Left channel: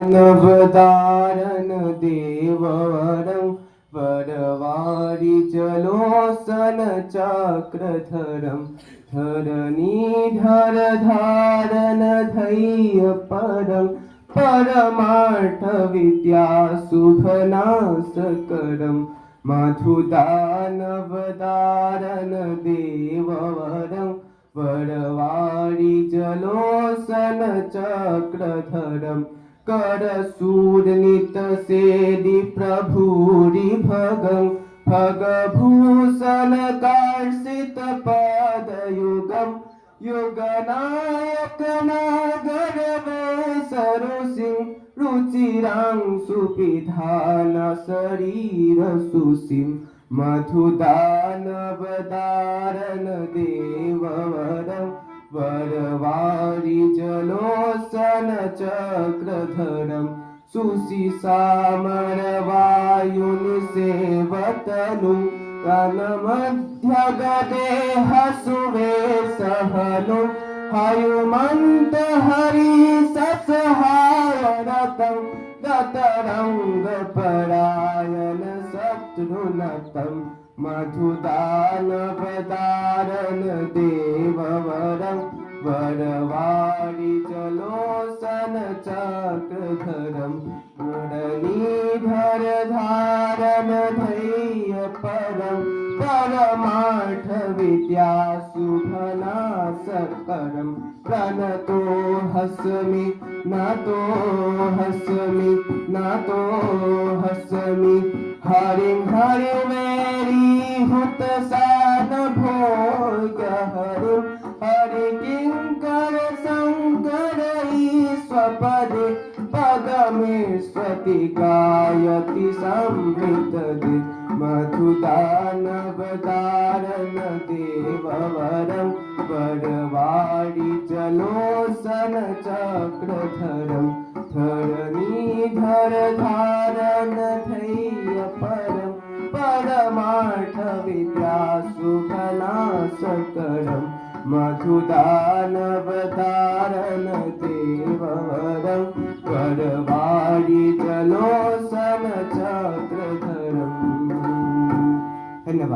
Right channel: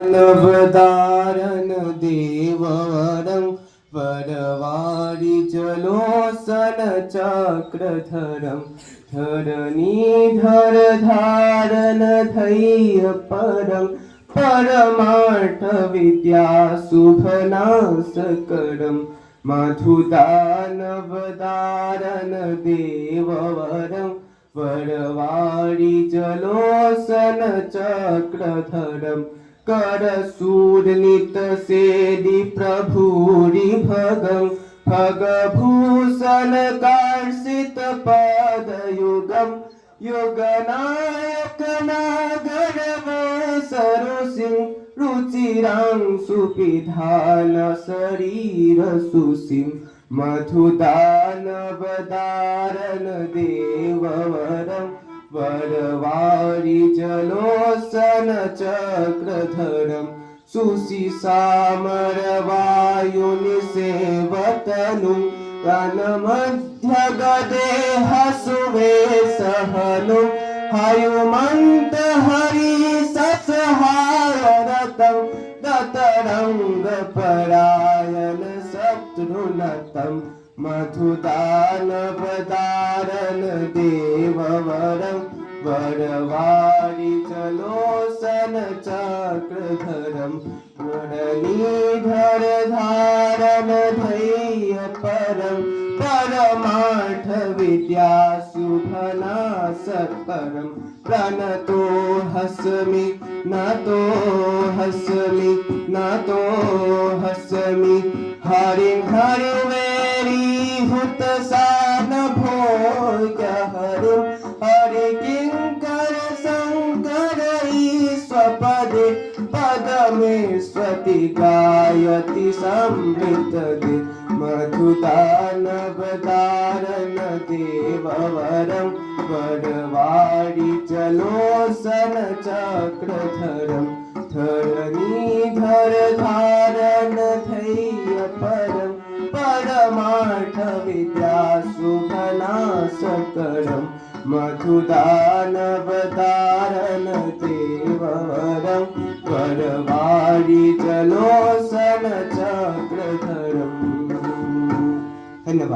नवदारन देववरं वरवारि जलोसन चक्रधरं धरणीधर धारन धैर्य परं परमार्थ विद्या शुभनाशकरं मधुदानवदारन देववरं वरवारि जलोसन चक्रधरं करसूरनित सेदि प्रभुरि भगं भगभूषण कार्षित पादयुगं युगनायक नागर सरुसिं रुचिरां सुपिधान शरीर सुसिं मधुदानवदारन देववरं वरवारि जलोसन चक्रधरं सुशिसामरवायुनिसेवतनुं रणमध्यगदेह सुवेशहनुं हयुमन्त हरिससहायरतं दतरङ्गपरायण शत्रुनतं मधुदानवदारन देववरं वरवारि जलोसन चक्रधरं मुरलीधर धारन धैर्य परं परमार्थ विद्या शुभनाशकरं प्रणतो हस्मि नतो हस्मि नतो हस्मि हरिं हरिवेरीभूत सान भोग्य हरिं हरि किङ्कर शङ्कर ईश्वपदे पदमेश्वति गायति संवितदे मधुदानवदारन देववरं वरवारि जलोसन चक्रधरं धरणीधर धारन धैर्य परं परमार्थ विद्या शुभनाशकरं मधुदानवदारन देववरं वरवारि